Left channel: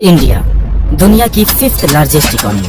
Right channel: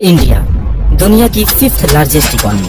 India दुनिया की 5th largest economy,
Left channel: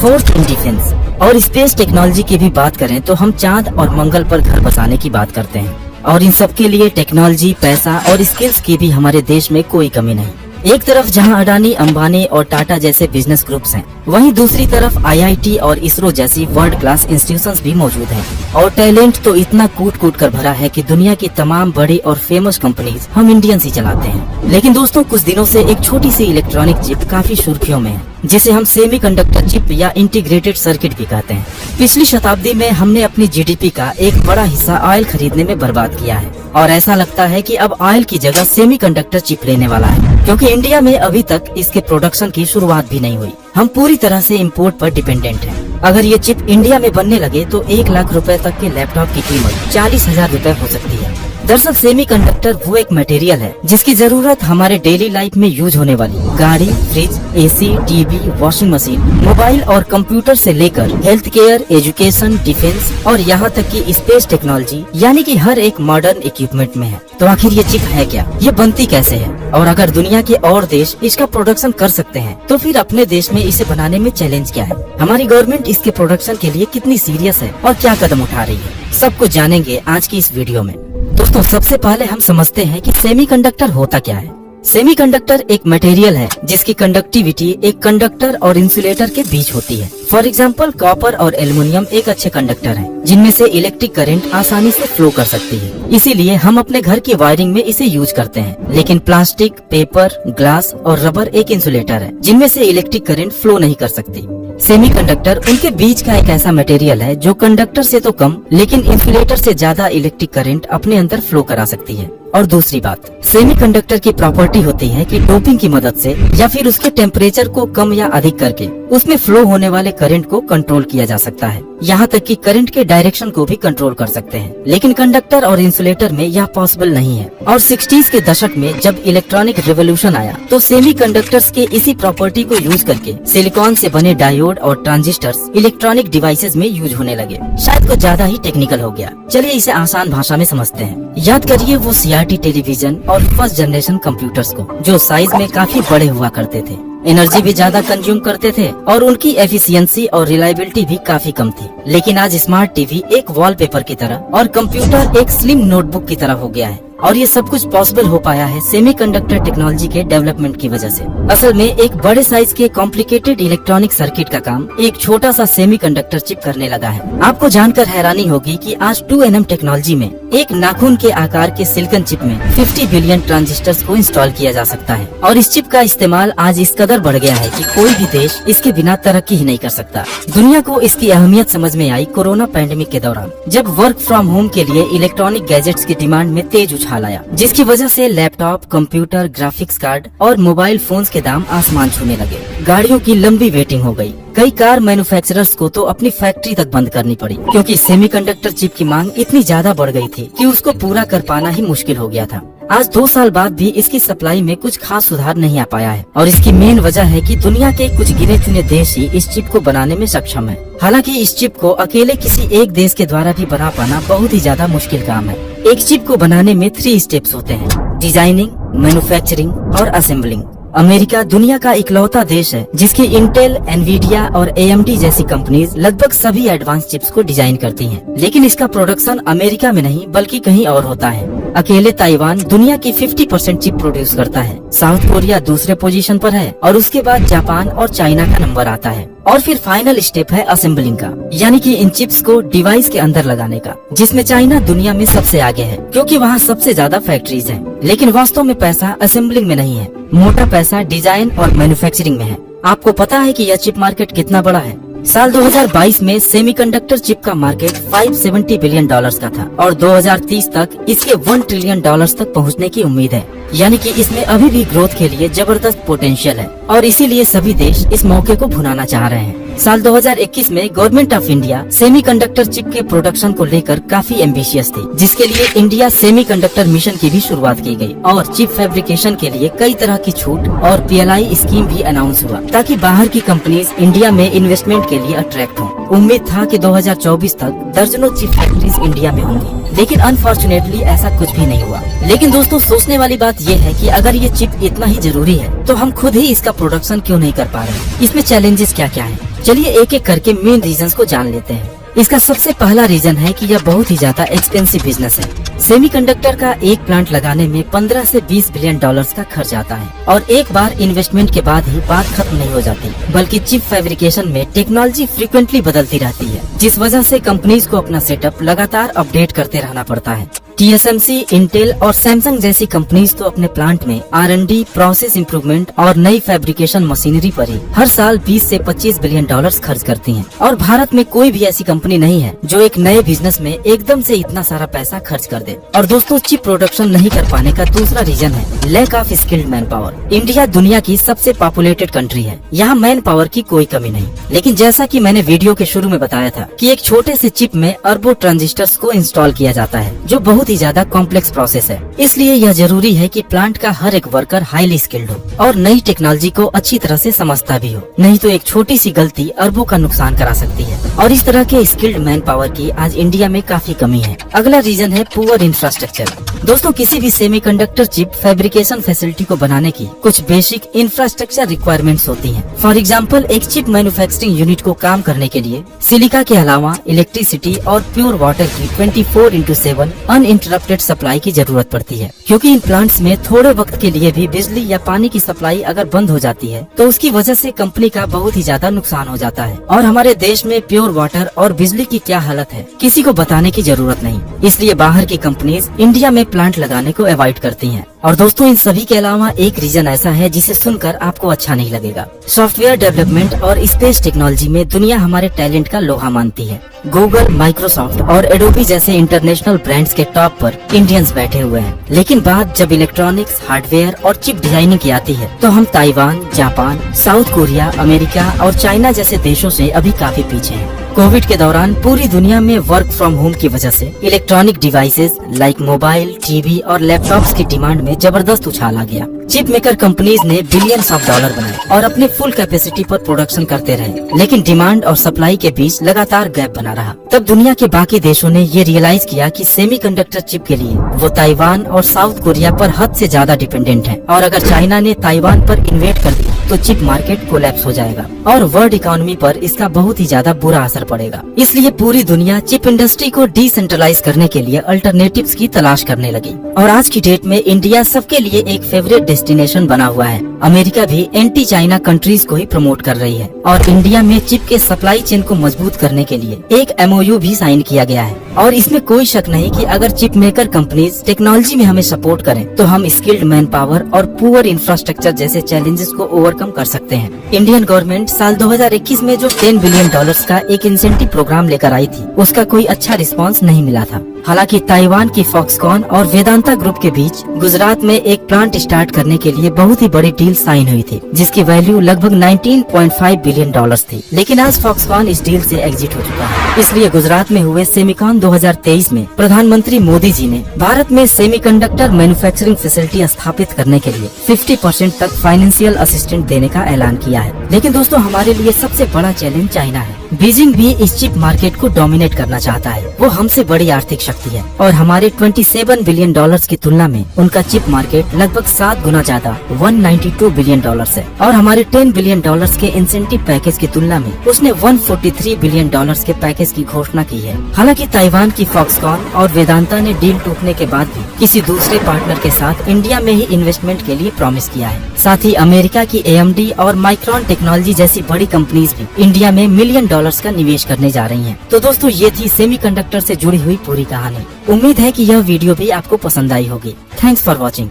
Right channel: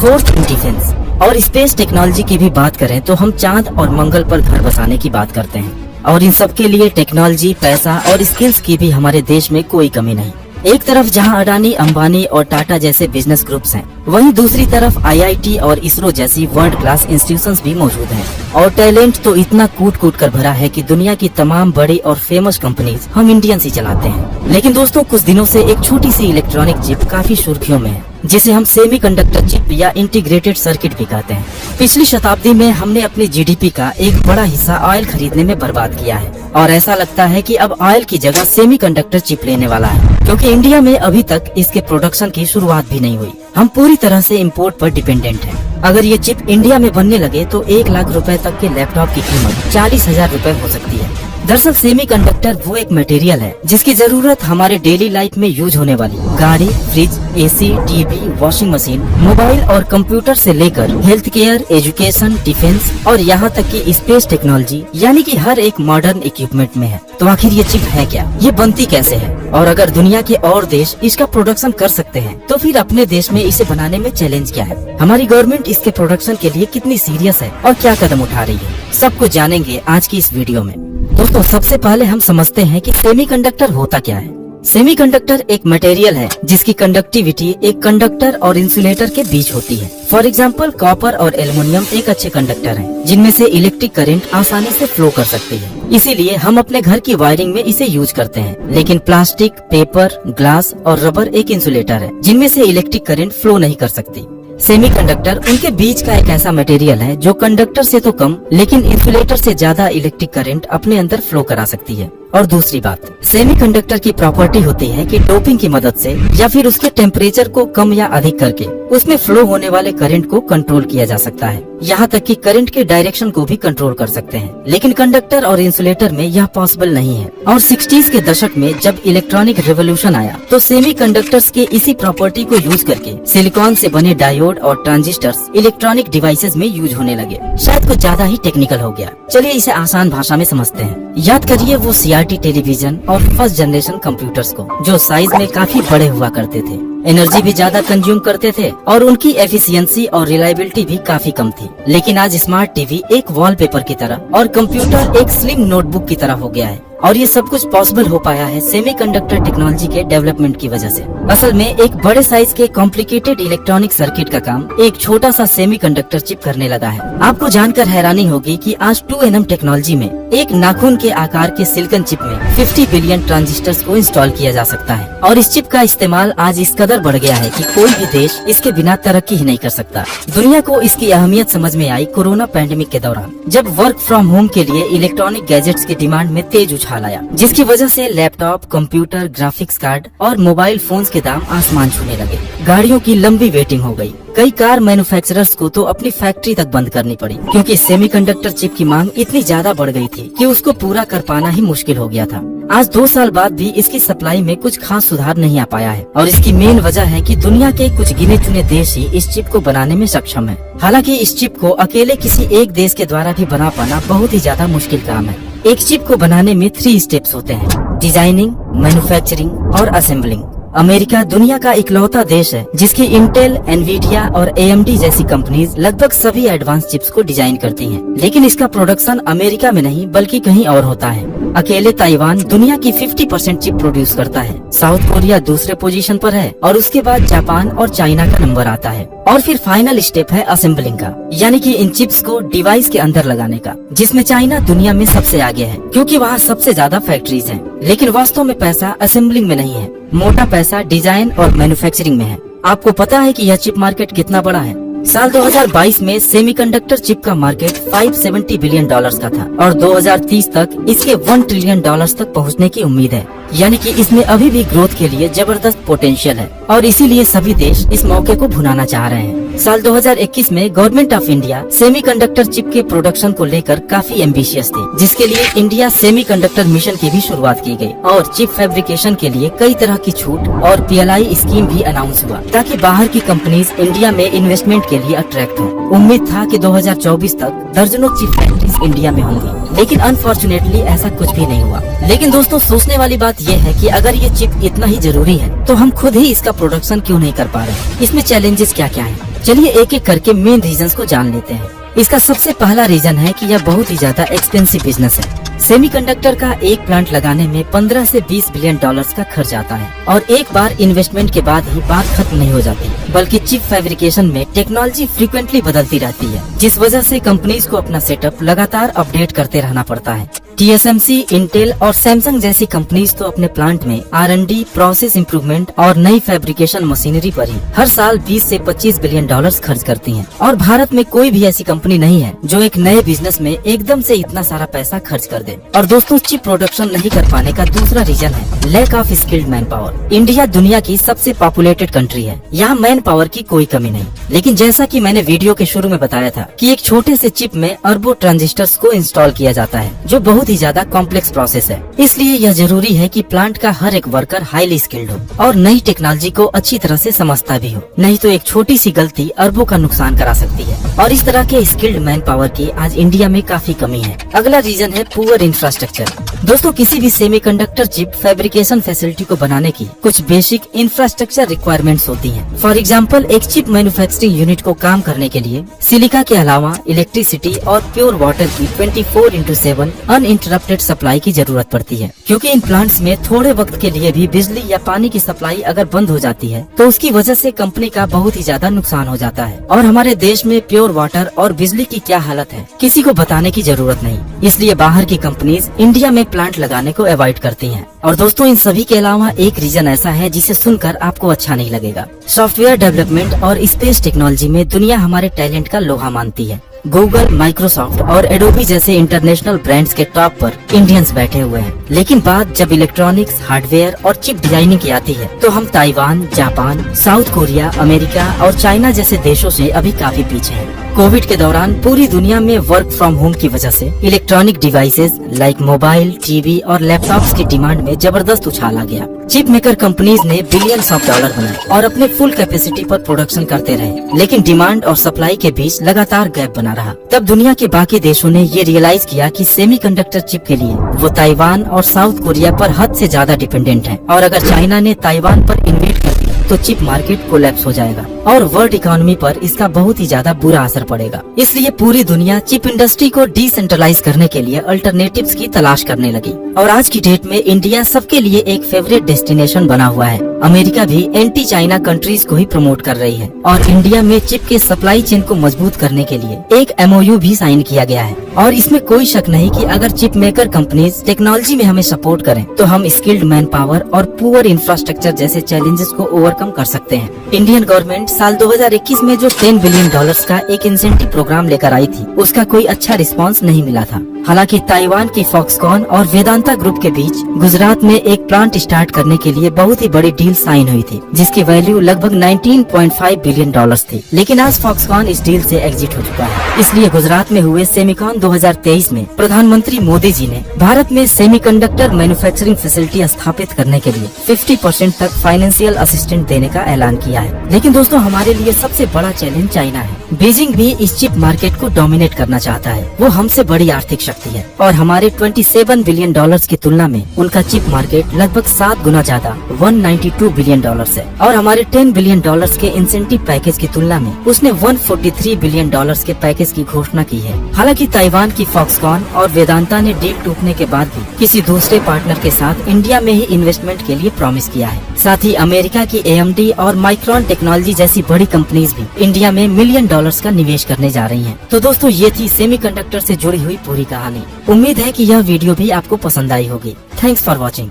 4th in defence और स्पेस टेक्नोलॉजी की भी बात करें तो हम चांद और मंगल पर घर बसाने की बात करते हैं और इन सब के लिए टेक्नोलॉजी, पैसा और स्किल्स की भी हमारे देश में कोई कमी नहीं। एक तरफ जहां अडानी, अंबानी और टाटा जैसे बिजनेस ग्रुप्स हैं, वहीं दूसरी तरफ आईआईटी और इसरो जैसी वर्ल्ड क्लास इंस्टीट्यूशंस भी मौजूद हैं और टैलेंट तो इतना कूट कूट कर भरा है कि दुनिया की तमाम बड़ी और फेमस कंपनीज हम इंडियंस ही चलाते हैं। लेकिन दोस्तों, कुछ दिनों से एक छोटी सी इलेक्ट्रॉनिक चिप काफी सुर्खियों में है, जिसे हम सेमीकंडक्टर चिप या इंटीग्रेटेड सर्किट भी कहते हैं। पिछली शताब्दी में हमने अपनी जीडीपी का एक बड़ा हिस्सा ऑयल खरीदने में बर्बाद किया है और ऐसा लगता है कि अब ऑयल की जगह सेमीकंडक्टर चिप लेने वाला है, क्योंकि इंडिया में अभी तक इसके प्रोडक्शन की शुरुआत भी नहीं हुई। हम पूरी तरह से इंपोर्ट पर डिपेंडेंट हैं। अगर ये चिप इंडिया में बनने लगे तो 1 लाख रुपए तक के लैपटॉप की कीमत 40,000 रुपए हो सकती है। दरअसल सेमीकंडक्टर वो एक मटेरियल है जिसकी जरूरत हमारे डेली लाइफ में यूज होने वाली गाड़ी, fridge, AC, TV, washing machine, mobile और कंप्यूटर से लेकर हेल्थ केयर, एजुकेशन, डिफेंस और यहाँ तक कि स्पेस टेक्नोलॉजी यानी कि हर एक मॉडर्न इक्विपमेंट में है। तो आखिर ये चिप है क्या, ये बनती कैसे है, और अगर दुनिया के और देश इसका प्रोडक्शन कर सकते हैं तो फिर अपने देश में इसे बनाने में चैलेंज क्या है, हमारी गवर्नमेंट इसके प्रोडक्शन के लिए कितनी सीरियस है और क्या कदम उठा रही है, सब कुछ जानेंगे आज की इस वीडियो में। दोस्तों, सबसे पहले हम समझते हैं कि सेमीकंडक्टर होता क्या है। सेमीकंडक्टर एक मटेरियल है जिसकी कंडक्टिविटी एक कंडक्टर और इंसुलेटर के बीच होती है। फॉर एग्जाम्पल, कॉपर और एल्युमिनियम एक अच्छे कंडक्टर हैं, जिनमें से इलेक्ट्रिक करंट आसानी से फ्लो कर सकते हैं। इसीलिए हम अपने घर की वायरिंग में इसे यूज करते हैं। लेकिन प्लास्टिक, पेपर, ग्लास और रबर एक इंसुलेटर है जिनमें से इलेक्ट्रिक करंट फ्लो नहीं कर सकती। सेमीकंडक्टर उनके बीच का एक ऐसा मटेरियल है जो कंडक्टर से तो कम लेकिन इंसुलेटर से ज्यादा इलेक्ट्रिक करंट अपने अंदर फ्लो करा सकती है। और दूसरी बात, सेमीकंडक्टर की प्रॉपर्टी होती है कि डोपिंग की मदद से या फिर उसके टेम्परेचर को कम या अधिक करके उसमें फ्लो होने वाले करंट को कंट्रोल किया जा सकता है। यहाँ तक कि करंट के डायरेक्शन को भी कंट्रोल कर सकते हैं। लेकिन कंडक्टर और इंसुलेटर में यह पॉसिबल नहीं है। और 60s के दशक में जब इलेक्ट्रॉनिक रेवोल्यूशन आया तो सेमीकंडक्टर्स के इसी प्रॉपर्टी को यूज करके सिलिकॉन से बने डायोड और ट्रांजिस्टर्स इलेक्ट्रॉनिक डिवाइसेस में यूज होने लगे। शायद कुछ ज्यादा ही टेक्निकल हो गया, चलिए इसे आसान भाषा में समझते हैं। याद करिए वो सीआरटी टेलीविजन और फर्स्ट जनरेशन कंप्यूटर्स को, जो साइज में काफी बड़े हुआ करते थे, एनर्जी भी ज्यादा कंज्यूम करते थे और उनकी एफिशिएंसी और रिलायबिलिटी भी काफी कम थी। लेकिन आज स्मार्ट टीवी एक वॉलपेपर की तरह और कंप्यूटर एक स्लिम नोटबुक की तरह हो गया है। और ये सब कुछ पॉसिबल हो पाया है सेमीकंडक्टर टेक्नोलॉजी के डेवलपमेंट की वजह से। असल में एक बड़े साइज के कॉम्प्लिकेटेड इलेक्ट्रॉनिक सर्किट का काम एक छोटा सा सेमीकंडक्टर चिप करने लगा है। आपको जानकर हैरानी होगी कि आज 2nm टेक्नोलॉजी में एक नाखून के आकार के सिलिकॉन चिप में 50 बिलियन ट्रांजिस्टर्स को इंस्टॉल किया जा सकता है। और इस चिप का इस्तेमाल आज इस कदर बढ़ गया है कि कोई भी देश इसके बिना तरक्की ही नहीं कर सकता। दुनिया को इसकी अहमियत समझ में आई कोरोना पैंडेमिक के दौरान, जब वर्क फ्रॉम होम के लिए इलेक्ट्रॉनिक गैजेट्स की डिमांड में तेज उछाल आया, जिसकी वजह से लैपटॉप, कंप्यूटर, ग्राफिक्स कार्ड और मोबाइल फोन्स के दाम आसमान छूने लगे। गाड़ियों की लंबी वेटिंग हो गई। कई कार मैन्युफैक्चरर्स को तो अपनी फैक्ट्री तक बंद करनी पड़ी, क्योंकि सेमीकंडक्टर चिप की मांग इतनी ज्यादा बढ़ गई थी कि उसको पूरा कर पाना ही मुश्किल हो गया था। आज 2 साल बाद भी इसकी सप्लाई में कुछ खास सुधार नहीं आ पाया है और इसकी मेन वजह है कि दुनिया के कुछ गिने चुने देश ही इस चिप को बनाने में सक्षम है। हालांकि इस चिप को अकेले किसी एक देश के द्वारा भी बना पाना बहुत ही ज्यादा मुश्किल काम है। एक चिप को बनाने में 3 स्टेप्स होते हैं: डिजाइनिंग, मैन्युफैक्चरिंग और असेंबलिंग। अमेरिका दुनिया का इकलौता देश है जिसकी इंटेल, एनवीडिया और एएमडी जैसी कंपनीज लगभग सभी एडवांस चिप्स को डिजाइन करती हैं। लेकिन इसका प्रोडक्शन अमेरिका में नहीं बल्कि कहीं और होता है। अकेले ताइवान दुनिया की 50% चिप प्रोड्यूस करता है। साउथ कोरिया दूसरे पोजीशन पर है और उसके बाद जापान और चाइना का नंबर आता है। और फिर फाइनल स्टेप है असेंबलिंग का, यानी कि इन चिप्स को डिवाइस के अंदर लगाने का, जिसमें चाइना दुनिया में सबसे आगे है, क्योंकि वहाँ सबसे ज्यादा फैक्ट्रीज हैं। लेकिन वास्तव में पैसा असेंबलिंग में नहीं है, मोटा पैसा डिजाइन और मैन्युफैक्चरिंग में है। आपको पता है कि यह चिप मार्केट कितना बड़ा है? साल 2022 में सेमीकंडक्टर चिप का मार्केट $570 बिलियन का था और 2030 तक इसके $1 ट्रिलियन तक पहुंचने की उम्मीद है। यानी कि इसमें अभी भी ग्रोथ के लिए जबरदस्त पोटेंशियल है और इसीलिए सभी देश इस मौके को भुनाना चाह रहे हैं। साल 2021 में government of India semiconductor chip के प्रोडक्शन को लेकर काफी एम्बिशियस थी, जिसके लिए इंडिया सेमीकंडक्टर मिशन की भी शुरुआत की गई और चिप फैब्रिकेशन के लिए कई तरह की छूट और PLI स्कीम भी अनाउंस हुआ, ताकि बाहर की कंपनीज इंडिया में इन्वेस्टमेंट के लिए अट्रैक्ट हों। उम्मीद था कि 2024 तक दर्जनों चिप फैक्ट्रीज इंडिया में होंगी। लेकिन अनफॉर्चुनेटली ऐसा कुछ भी नहीं हुआ। लेकिन दोस्तों सोचने वाली बात ये है कि अगर ये चिप इतना ही जरूरी है तो हम खुद ही इसका प्रोडक्शन क्यों नहीं कर पा रहे हैं। इसमें चैलेंजेस क्या क्या हैं? चलिए एक एक करके मेन रीजंस को जान लेते हैं। इसका सबसे पहला रीजन है कि यह बहुत ही ज्यादा एक्सपेंसिव बिजनेस है। सेमीकंडक्टर का एक प्लांट लगाने में 15 से 20 बिलियन डॉलर्स का खर्च आता है और एक बार इन्वेस्टमेंट के बाद ही बात खत्म नहीं हो जाती, बल्कि चिप फैब्रिकेशन में टेक्नोलॉजी फ्रीक्वेंटली बदलती रहती है, जिस वजह से कंपनीज को अपना सेटअप लगातार अपडेट करते रहना पड़ता है। TSMC, इंटेल और सैमसंग जैसी कंपनीज तो अपने प्लांट में R&D, प्रोसेस इम्प्रूवमेंट और नई फैब्रिकेशन मशीनरी पर ही हर साल 20 से 25 बिलियन डॉलर्स खर्च करती हैं। और भारत में कोई भी ऐसी कंपनी नहीं है जो एक नए बिजनेस में एकदम से इतना सारा पैसा खर्च कर दे। और दोस्तों चिप प्रोडक्शन नहीं कर पाने का दूसरा रीजन है lack of skilled manpower. India दुनिया की सबसे पॉपुलेटेड कंट्री है, यहाँ मैन पावर की कोई कमी नहीं। लेकिन जैसा कि मैंने वीडियो के शुरू में बताया था कि एक छोटे से चिप में अरबों ट्रांजिस्टर्स को इंस्टॉल किया जाता है, जो बहुत ही ज्यादा कॉम्प्लेक्स प्रोसेस है। इसलिए यह जरूरी है कि प्लांट का हर एक वर्कर हाईली स्किल्ड हो और नई टेक्नोलॉजी को अच्छी तरह से समझता भी हो, नहीं तो एक छोटी सी गलती अरबों का नुकसान करा सकती है। और इस तरह के स्किल्ड मैन पावर की आज इंडिया में काफी कमी है। अगला रीजन है पुअर इंफ्रास्ट्रक्चर। दोस्तों किसी भी सेमीकंडक्टर चिप फैब्रिकेशन फैसिलिटी को बनाने की कुछ बेसिक इंफ्रास्ट्रक्चर रिक्वायरमेंट्स होती हैं। फॉर एग्जांपल एक चिप मैन्युफैक्चरिंग यूनिट को काम करने के लिए सिलिका के अलावा इलेक्ट्रिसिटी और प्योर वाटर की 24/7 अनइंटरप्टेड सप्लाई की जरूरत पड़ती है, क्योंकि इन प्लांट्स में थोड़े वक्त के लिए भी बिजली या पानी की सप्लाई अगर बंद हो जाती है तो उसकी वजह से कंपनी का बहुत ही ज्यादा नुकसान हो जाता है। और हमारे देश में प्योर वाटर और बिजली की क्या हालत है किसी को बताने की जरूरत नहीं, इसलिए बाहर की कंपनीज इंडिया में प्लांट लगाने को अवॉइड करती हैं। और दोस्तों इन सभी के अलावा एक रीजन ऐसा है जिसे सुनकर आपको अच्छा नहीं लगेगा। सॉफ्टवेयर डेवलपमेंट और स्पेस टेक्नोलॉजी में दुनिया हमारे टैलेंट का लोहा मानती है। गूगल, माइक्रोसॉफ्ट और एडोबी जैसे इंटरनेशनल ब्रांड्स के टॉप पर इंडियंस बैठे हुए हैं। लेकिन बात जब इलेक्ट्रॉनिक्स, हार्डवेयर और चिप डिजाइनिंग की आती है तो हम Taiwan, Japan, south Korea, America और चाइना जैसे देशों से अभी काफी पीछे हैं। कोविड के दौरान पूरी दुनिया में वर्क फ्रॉम होम की वजह से electronic devices like mobile, TV और लैपटॉप्स की डिमांड में जबरदस्त उछाल आ गया। चिप मेकर कंपनीज ने बिलियंस ऑफ डॉलर बनाए और अपने फुल कैपेसिटी पर प्रोडक्शन करते रहे, लेकिन डिमांड और सप्लाई के बीच लगातार गैप बना रहा। तब दुनिया के बाकी देशों ने ये रियलाइज किया कि सेमीकंडक्टर चिप के लिए वो ताइवान और साउथ कोरिया पर हद से ज्यादा डिपेंडेंट है, और अगर चाइना ने ताइवान पर इन्वेट कर दी तो चिप मार्केट कोलैप्स हो जाएगा और वर्ल्ड इकोनॉमी पर इसका बहुत ही ज्यादा बुरा असर पड़ेगा। इसलिए पूरी दुनिया चिप इंडस्ट्री को डिसेंट्रलाइज करने के लिए अल्टरनेटिव्स की तलाश करने लगी। और आज की डेट में इंडिया सबके लिए एक फेवरेट डेस्टिनेशन बना हुआ है। अमेरिका भी एंटी चाइना कंट्रीज को ही प्रमोट कर रही है और इंडिया में चिप के सप्लाई चेन को मजबूत करने के लिए एक MOU भी साइन किया गया है। और इसमें कोई शक नहीं कि अगर चिप मेकर कंपनीज टेक्नोलॉजी में हमें सपोर्ट करें तो हम स्किल्ड मैन पावर और पुअर इंफ्रास्ट्रक्चर जैसे चैलेंजेस को ओवरकम कर सकते हैं। इंडियन गवर्नमेंट साल 2021 में जो $10 बिलियन का एक इंसेंटिव प्रोग्राम लेकर आई थी, उसका कोई अच्छा रिस्पांस नहीं मिला था। हालांकि ताइवान की फॉक्सकॉन और वेदांता ग्रुप के बीच गुजरात में एक प्लांट स्टार्ट करने के लिए बहुत ही बड़ी डील साइन हुई थी, जिसकी वैल्यू लगभग $19.5 बिलियन थी। लेकिन आज फॉक्सकॉन इस डील से एग्जिट हो चुका है। इसलिए गुजरात में हुए सेमिकॉन 2023 में प्रधानमंत्री मोदी जी ने भारत में सेमीकंडक्टर मैन्युफैक्चरिंग फैसिलिटी स्थापित करने के लिए 50% तक फाइनेंशियल असिस्टेंट देने का ऐलान किया है। लेकिन दोस्तों हमारे लिए सबसे बड़ा चैलेंज चाइना है। बीजिंग भी इस चिप मार्केट को डोमिनेट करना चाहता है। वो हमसे बड़ी आर्थिक शक्ति है और हमारे $27 बिलियन की तुलना में उनका चिप मार्केट लगभग 7 गुना ज्यादा $192 बिलियन है। और हमारे $10 बिलियन के इंसेंटिव पैकेज की तुलना में उसने $143 बिलियन के पैकेज की घोषणा की है। हालांकि ताइवान की फॉक्सकॉन और वेदांता ने डील टूटने के बाद भी किसी दूसरे पार्टनर के साथ इंडिया में ही इन्वेस्टमेंट के लिए प्रॉमिस किया है। साथ ही अमेरिका की AMD और माइक्रोन टेक्नोलॉजी जैसी बड़ी कंपनीज भी इंडिया में $1 मिलियन का निवेश करने जा रही हैं। तो दोस्तों ये थी सेमीकंडक्टर से जुड़ी हुई पूरी कहानी। उम्मीद है कि यह वीडियो भी आपको पसंद आई होगी। Thanks for watching.